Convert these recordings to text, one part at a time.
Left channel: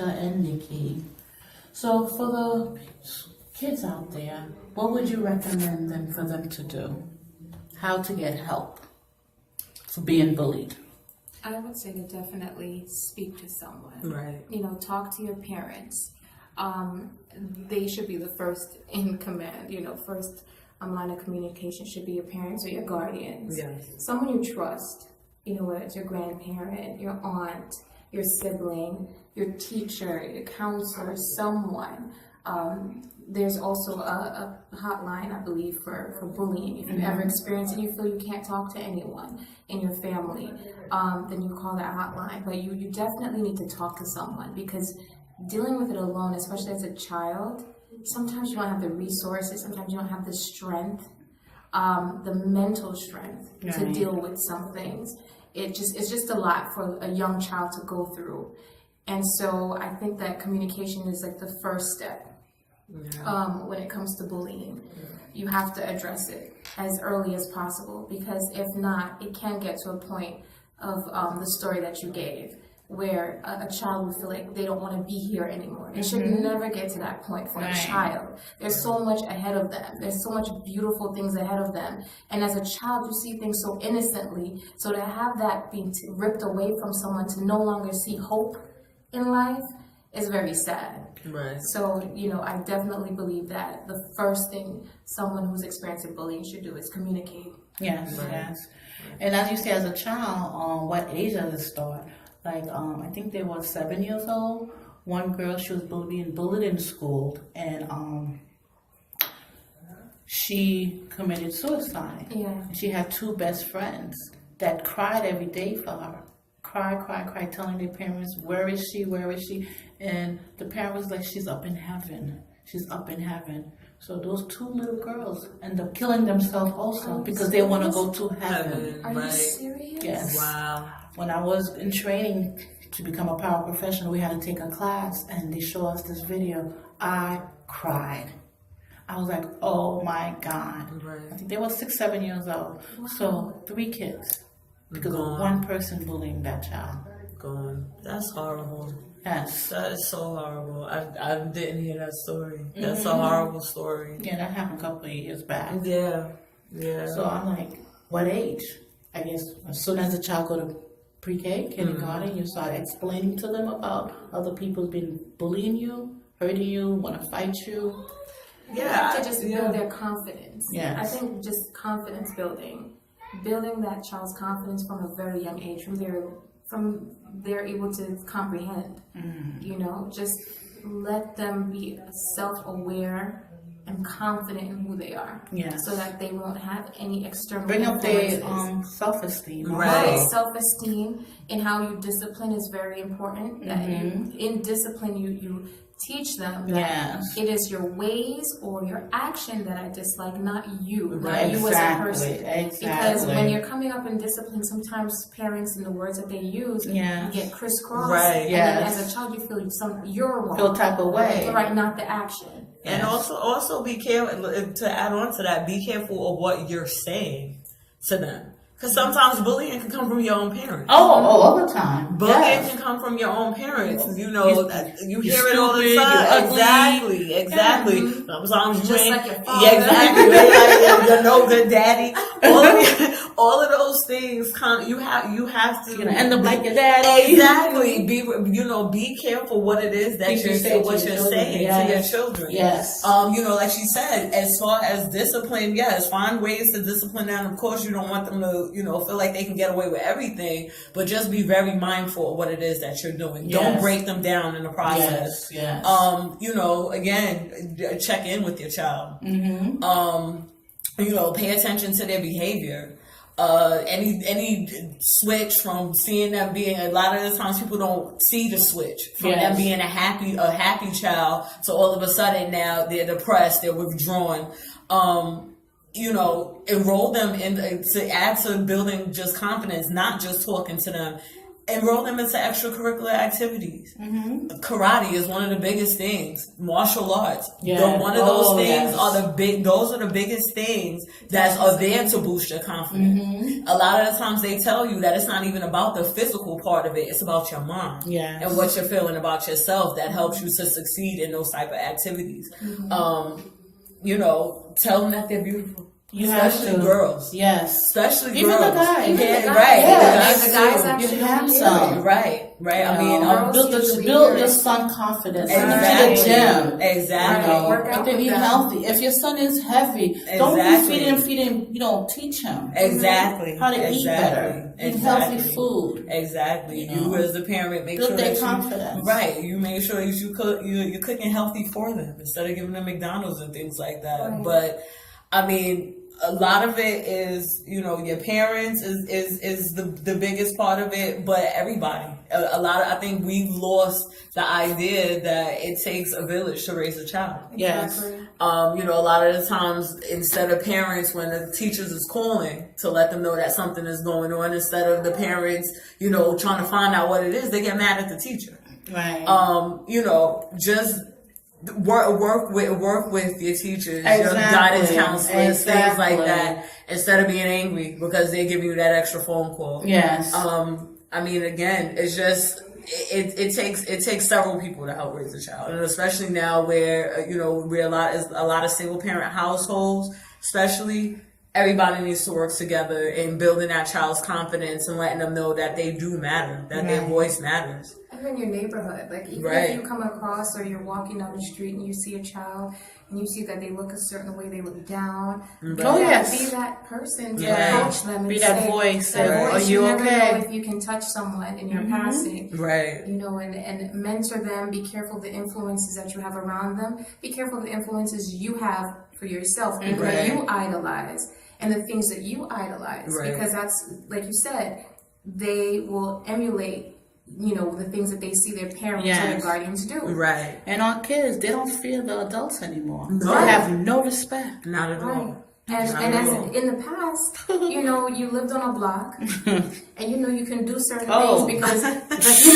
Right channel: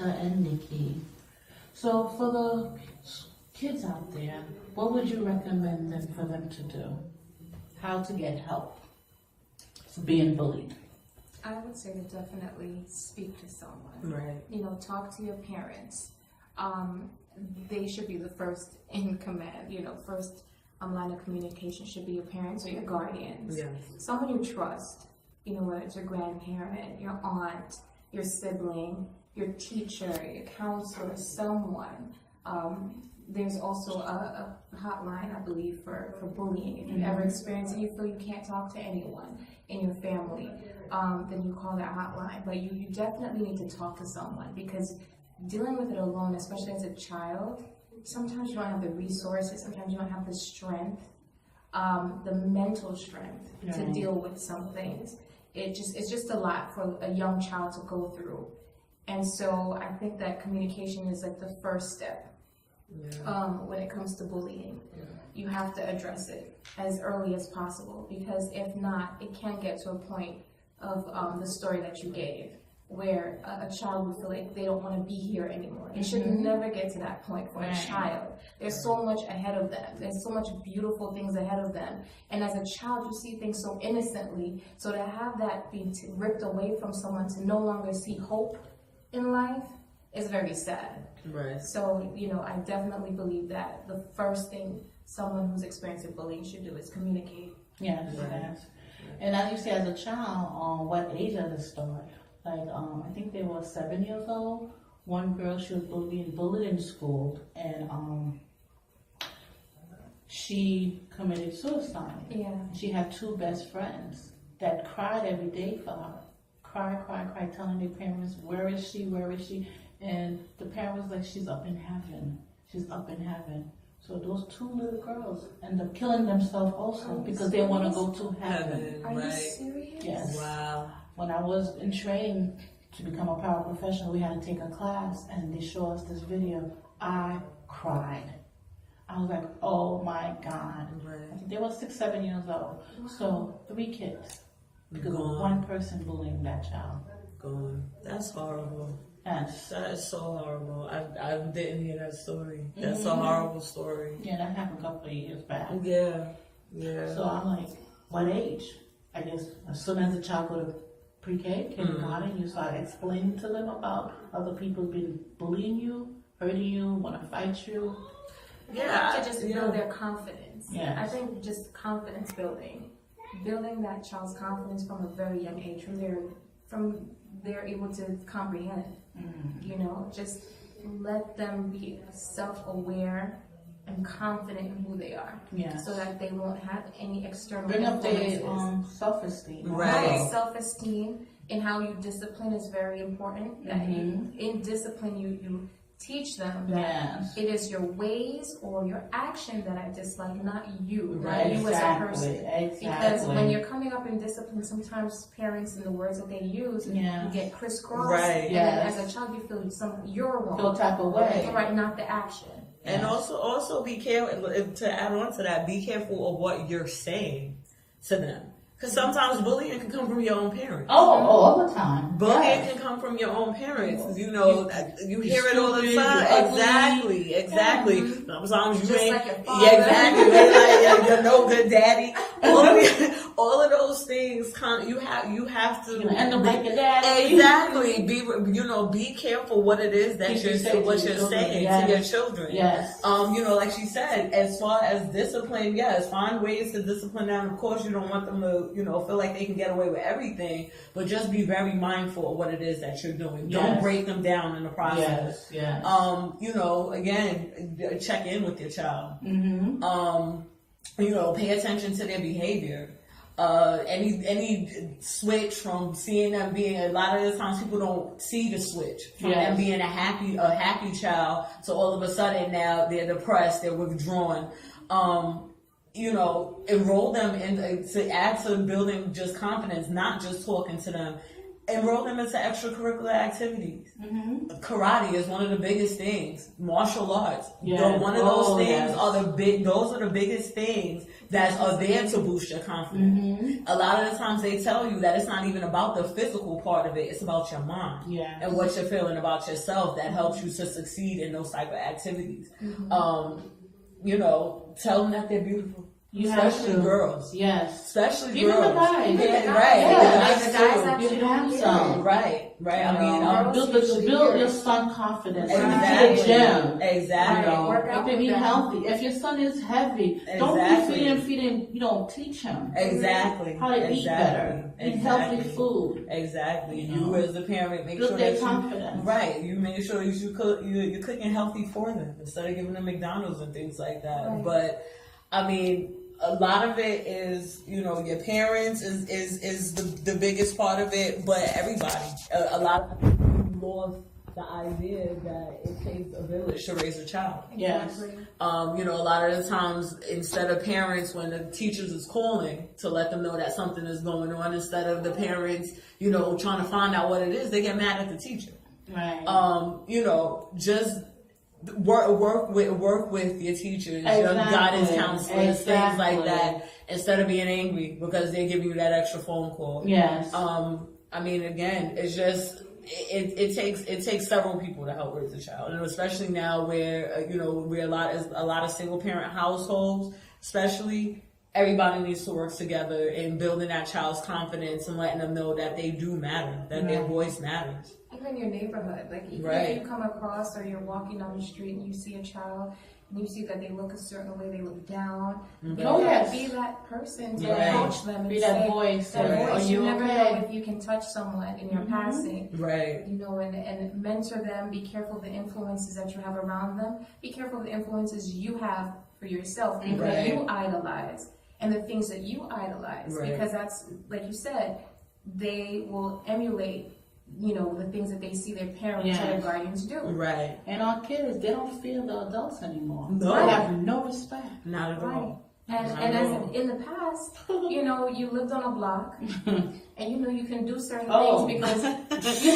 Aisha and Nikki. So for the kids out there, what would you recommend them for them to do? How to get help for being bullied? I would say to definitely speak to someone. Right. You know, talk to your parents. They should be the first in command. You know, first line of communication should be your parents or your guardians. Yes. Someone you trust. You know, whether it's your grandparent, your aunt, your sibling, your teacher, your counselor, someone. There's also a hotline, I believe, for bullying. If you ever experience and you feel you can't talk to anyone in your family, then you call that hotline. But you definitely need to talk to someone, because dealing with it alone, especially as a child, sometimes you don't have the resources, sometimes you don't have the strength, the mental strength to deal with some things. It's just a lot for a young child to go through. And so I think that communication is like the first step. When it comes to bullying, you have to address it as early as possible, because if not, it can get to a point of the story that you gave, where a child would feel like they don't want to be here anymore. It should never get to that point for a child. There's so much ahead of them. There's so much beautiful things ahead of them. And as a child, you see things so innocently. So to have that being ripped away from someone, to no longer see hope in life, is very sad. Right. So, you know, I definitely believe that the first thing someone who's experiencing bullying should do is communicate. Yes, yes. And as you say, as a child, what age does it start? Like, I think they were 7 years old. One girl, she was being bullied in school, and she committed suicide. Yeah. And she had two best friends that cried every day for her. Cry, telling their parents, where is she? And the parent was like, she's up in heaven. So those two little girls end up killing themselves also because they want to go to heaven. Are you serious? Yes. Wow. When I was in training to become a paraprofessional, we had to take a class, and they showed us this video. I cried. I was like, oh my God. Right. I think they were 6, 7 years old. Wow. So 3 kids because of one person bullying that child. Gone. That's horrible. Yes. That is so horrible. I didn't hear that story. That's a horrible story. Yeah, that happened a couple of years back. Yeah. So I'm like, what age? I guess as soon as the child go to pre-K, kindergarten, you start explaining to them about other people been bullying you, hurting you, want to fight you. You have to just build their confidence. Yes. I think just confidence building that child's confidence from a very young age, from they're able to comprehend. You know, just let them be self-aware and confident in who they are. Yes. So that they won't have any external Bring up their influences. self-esteem. Right. Self-esteem and how you discipline is very important. That in discipline, you teach them that it is your ways or your action that I dislike, not you, not you as a person. Because when you're coming up in discipline, sometimes parents and the words that they use get crisscrossed. Right. And then as a child, you feel you're wrong. Feel type of way. Right, not the action. And also be careful, to add on to that, be careful of what you're saying to them. Because sometimes bullying can come from your own parents. All the time. Bullying can come from your own parents. You know, you hear it all the stupid, time. you're Exactly. Sometimes Just you like your father. Exactly. Like your no good daddy. All of those things you have to end up like your daddy. Exactly. Be careful what it is that you're saying to your children. Yes. Like she said, as far as discipline, yes, find ways to discipline them. Of course, you don't want them to, feel like they can get away with everything, but just be very mindful of what it is that you're doing. Yes. Don't break them down in the process. Yes. Again, check in with your child. Pay attention to their behavior. Any switch from seeing them being, a lot of the times people don't see the switch from them being a happy child to all of a sudden now they're depressed, they're withdrawn. Enroll them in to add to building just confidence, not just talking to them enroll them into extracurricular activities. Mm-hmm. Karate is one of the biggest things. Martial arts. Yeah. One of those things yes. are those are the biggest things that are there to boost your confidence. Mm-hmm. A lot of the times they tell you that it's not even about the physical part of it, it's about your mind. Yes. And what you're feeling about yourself that helps you to succeed in those type of activities. Tell them that they're beautiful. You have Especially to. girls. Yes. Especially Even girls. the guys. Yeah, right. Yes. The guys actually You have don't some. Right. girls Build your son confidence. Send him to Exactly. the gym. Exactly. Work out Make them with eat them. healthy. If your son is heavy, don't Exactly. be feeding. Teach him Exactly. how to eat better. Eat healthy Exactly. food. Exactly. You know. You as the parent make Build sure their that confidence. Right. You make sure that you're cooking healthy for them instead of giving them McDonald's and things like that. Right. But I mean, a lot of it is, your parents is the biggest part of it, but everybody. I think we've lost the idea that it takes a village to raise a child. Yes. Exactly. A lot of the times, instead of parents, when the teachers is calling to let them know that something is going on, instead of the parents, trying to find out what it is, they get mad at the teacher. Right. Just work with your teachers, your Exactly. guidance counselors, things like Exactly. that, instead of being angry because they're giving you that extra phone call. Yes. I mean, again, it's just it takes several people to help raise a child, and especially now where we're a lot of single parent households, especially. Everybody needs to work together in building that child's confidence and letting them know that they do matter, that their voice matters. Even your neighborhood, like even Right. if you come across or you're walking down the street and you see a child and you see that they look a certain way, they look down. Oh, yes. Be that person to Yes. approach them and Be that say, voice. Say, that are voice. you never okay? know if you can touch someone in your passing. Right. And mentor them. Be careful of the influences that you have around them. Be careful of the influences you have for yourself, people that you idolize, and the things that you idolize, because that's, like you said, they will emulate, the things that they see their parents and their guardians do. Right. And our kids, they don't fear the adults anymore. No. They have no respect. Not at Right. all. And as in the past, you lived on a block, and you can do certain things because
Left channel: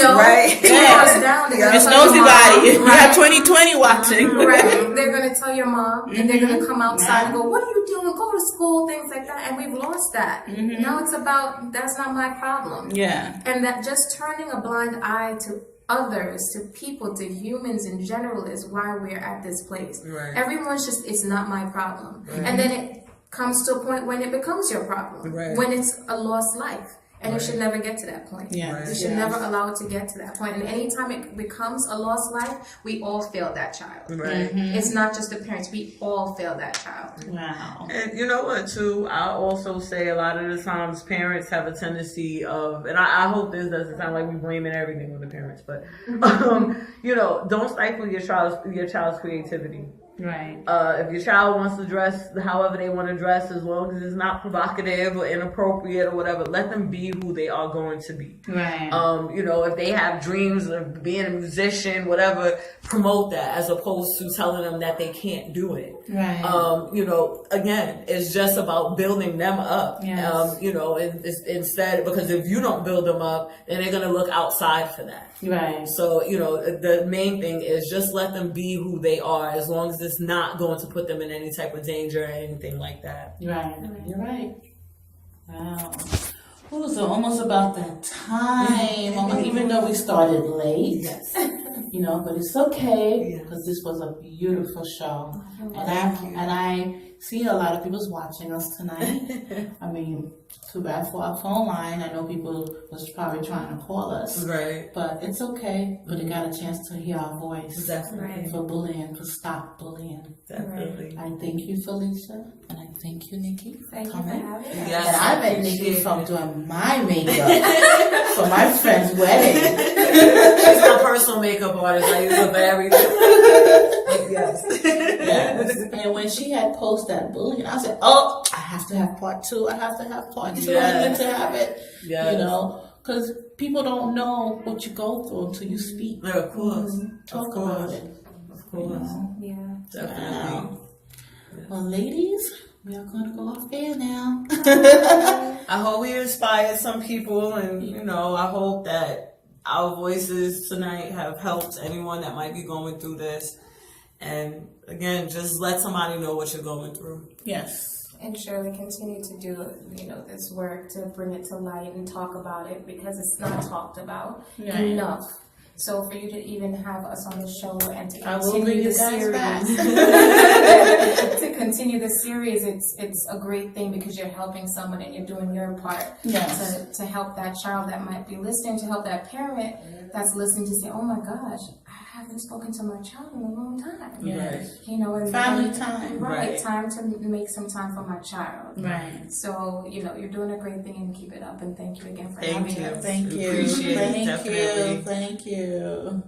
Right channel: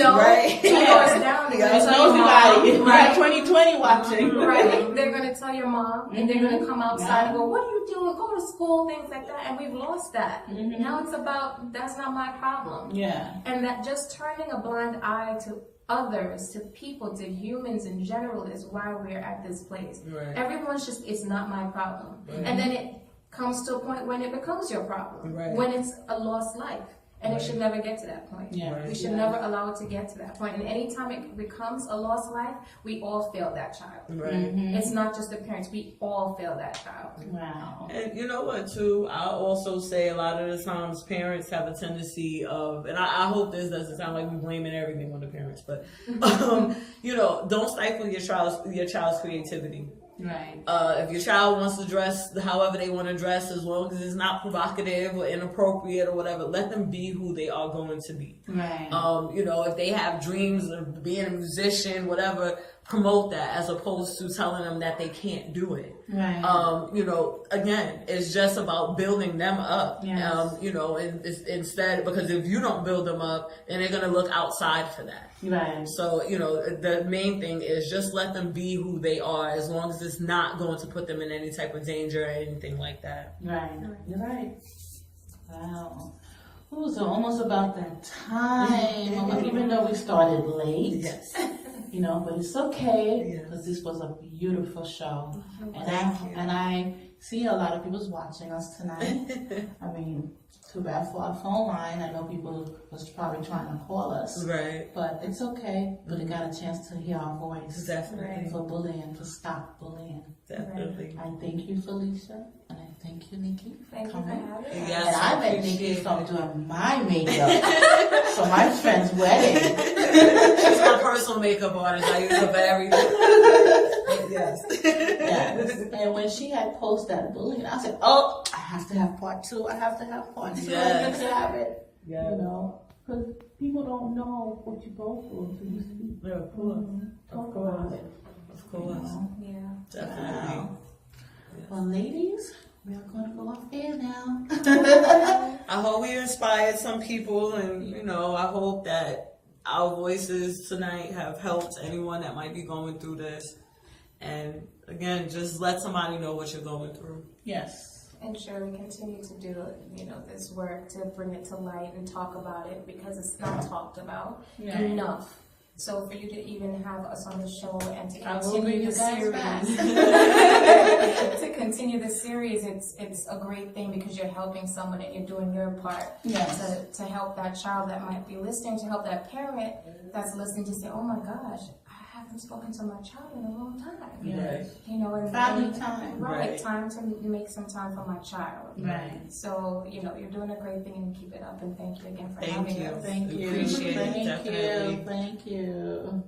Right. goes down. It's nosy body. You have 2020 watching. Right. They're gonna tell your mom, and they're gonna come outside and go, "What are you doing? Go to school," things like that. And we've lost that. Now it's about that's not my problem. Yeah. And that just turning a blind eye to others, to people, to humans in general is why we're at this place. Right. Everyone's just, it's not my problem. And then it comes to a point when it becomes your problem. Right. When it's a lost life. And it should never get to that point. Yes. We should never allow it to get to that point. And anytime it becomes a lost life, we all fail that child. Right. It's not just the parents, we all fail that child. Wow. And you know what, too? I also say a lot of the times parents have a tendency of, and I hope this doesn't sound like we're blaming everything on the parents, but don't stifle your child's creativity. Right. If your child wants to dress however they want to dress, as long as it's not provocative or inappropriate or whatever, let them be who they are going to be. Right. If they have dreams of being a musician, whatever, promote that as opposed to telling them that they can't do it. Right. Again, it's just about building them up. Yes. Instead, because if you don't build them up, then they're going to look outside for that. Right. So, the main thing is just let them be who they are, as long as it's not going to put them in any type of danger or anything like that. Right. You're right. Wow. Ooh, so almost about that time, even though we started late. Yes. But it's okay because this was a beautiful show. And I see a lot of people's watching us tonight. I mean, too bad for our phone line. I know people was probably trying to call us. Right. But it's okay. But they got a chance to hear our voice. Definitely. For bullying, for stop bullying. Definitely. I thank you, Felicia. And I thank you, Nikki, for Thank you coming. for having us. Yes, And I met Nikki from doing my makeup for my friend's wedding. She's my personal makeup artist. I use her for everything. Yes. And when she had posted that bullying, I said, "Oh, I have to have part two. I have to have part two. I need to have it." Yes. Because people don't know what you go through until you speak. Yeah, of course. Talk about it. Of course. Yeah. Definitely. Wow. Well, ladies, We are going to go off air now. I hope we inspired some people, and I hope that our voices tonight have helped anyone that might be going through this. And again, just let somebody know what you're going through. Yes. And Shirley, continue to do, this work to bring it to light and talk about it, because it's not talked about enough. So for you to even have us on the show and to continue the series, to continue the series, it's a great thing, because you're helping someone and you're doing your part to help that child that might be listening, to help that parent that's listening to say, oh my gosh, I haven't spoken to my child in a long time. Yes. And family time. Right. Time to make some time for my child. Right. So, you're doing a great thing, and keep it up, and thank you again for having us. Thank you. Appreciate it, definitely. Thank you.